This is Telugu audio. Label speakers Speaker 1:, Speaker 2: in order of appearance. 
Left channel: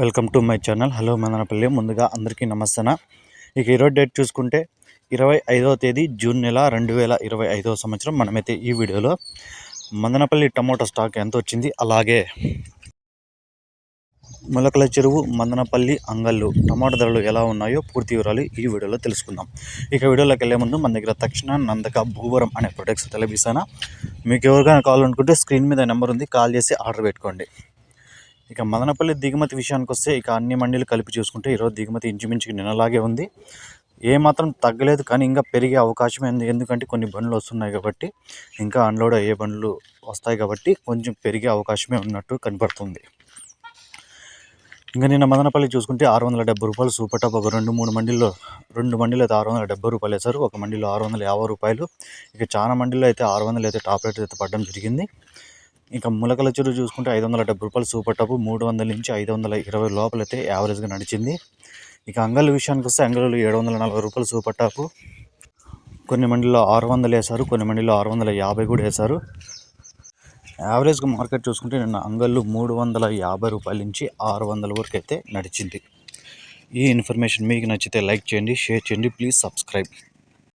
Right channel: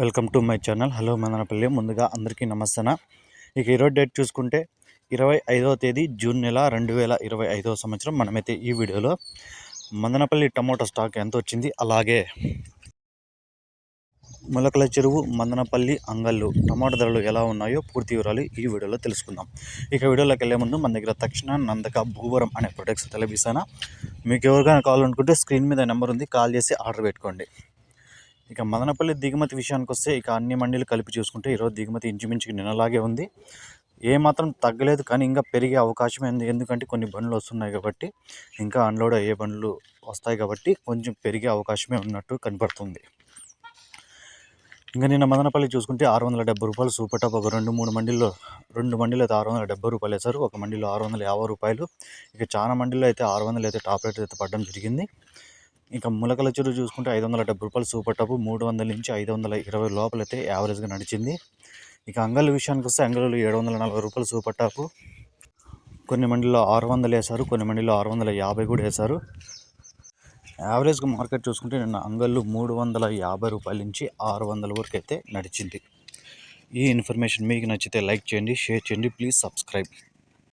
Speaker 1: Welcome to my channel. Hello Madanapalle. ముందుగా అందరికీ నమస్తన ఇక ఈరోజు డేట్ చూసుకుంటే ఇరవై ఐదవ తేదీ జూన్ నెల రెండు వేల ఇరవై ఐదవ సంవత్సరం. మనమైతే ఈ వీడియోలో మదనపల్లి టమోటా స్టాక్ ఎంత వచ్చింది అలాగే మొలకల చెరువు మందనపల్లి అంగళ్ళు టమాటా ధరలు ఎలా ఉన్నాయో పూర్తి వివరాలు ఈ వీడియోలో తెలుసుకుందాం. ఇక వీడియోలోకి వెళ్ళే ముందు మన దగ్గర తక్షణ నందక భూవరం అనే ప్రొడక్ట్స్ తెలిపిస్తాను మీకు ఎవరికైనా కాల్ అనుకుంటే స్క్రీన్ మీద నెంబర్ ఉంది కాల్ చేసి ఆర్డర్ పెట్టుకోండి. ఇక మదనపల్లి దిగుమతి విషయానికి వస్తే ఇక అన్ని మండీలు కలిపి చూసుకుంటే ఈరోజు దిగుమతి ఇంచుమించుకి నిన్నలాగే ఉంది. ఏమాత్రం తగ్గలేదు కానీ ఇంకా పెరిగే అవకాశం ఉంది. ఎందుకంటే కొన్ని బండ్లు వస్తున్నాయి కాబట్టి ఇంకా అన్లోడ్ అయ్యే బండ్లు వస్తాయి కాబట్టి కొంచెం పెరిగే అవకాశమే ఉన్నట్టు కనపడుతుంది. ఇంకా నిన్న మదనపల్లి చూసుకుంటే ఆరు వందల డెబ్బై రూపాయలు సూపర్ టాప్ ఒక రెండు మూడు మండీల్లో రెండు మండీలు అయితే ఆరు వందల డెబ్బై రూపాయలు వేశారు. ఒక మండీలో ఆరు వందల యాభై రూపాయలు. ఇక చాలా మండీలో అయితే ఆరు వందలు అయితే టాప్ రేట్ అయితే పడడం జరిగింది. ఇక ములకల చెరువు చూసుకుంటే ఐదు వందల డెబ్బై రూపాయలు సూపర్ టాప్ మూడు వందల నుంచి ఐదు వందల ఇరవై లోపలైతే యావరేజ్గా నడిచింది. ఇక అంగళ్ళ విషయానికి వస్తే అంగళ్ళు ఏడు వందల నలభై రూపాయలు సూపర్ టాప్. కొన్ని మండీలో ఆరు వందలు వేశారు కొన్ని మండీలో ఆరు వందల యాభై కూడా వేశారు. యావరేజ్గా మార్కెట్ చూసుకుంటే నిన్న అంగళ్ళు మూడు వందల యాభై రూపాయల నుంచి ఆరు వందల వరకు అయితే నడిచింది. ఈ ఇన్ఫర్మేషన్ మీకు నచ్చితే లైక్ చేయండి షేర్ చేయండి ప్లీజ్ సబ్స్క్రైబ్.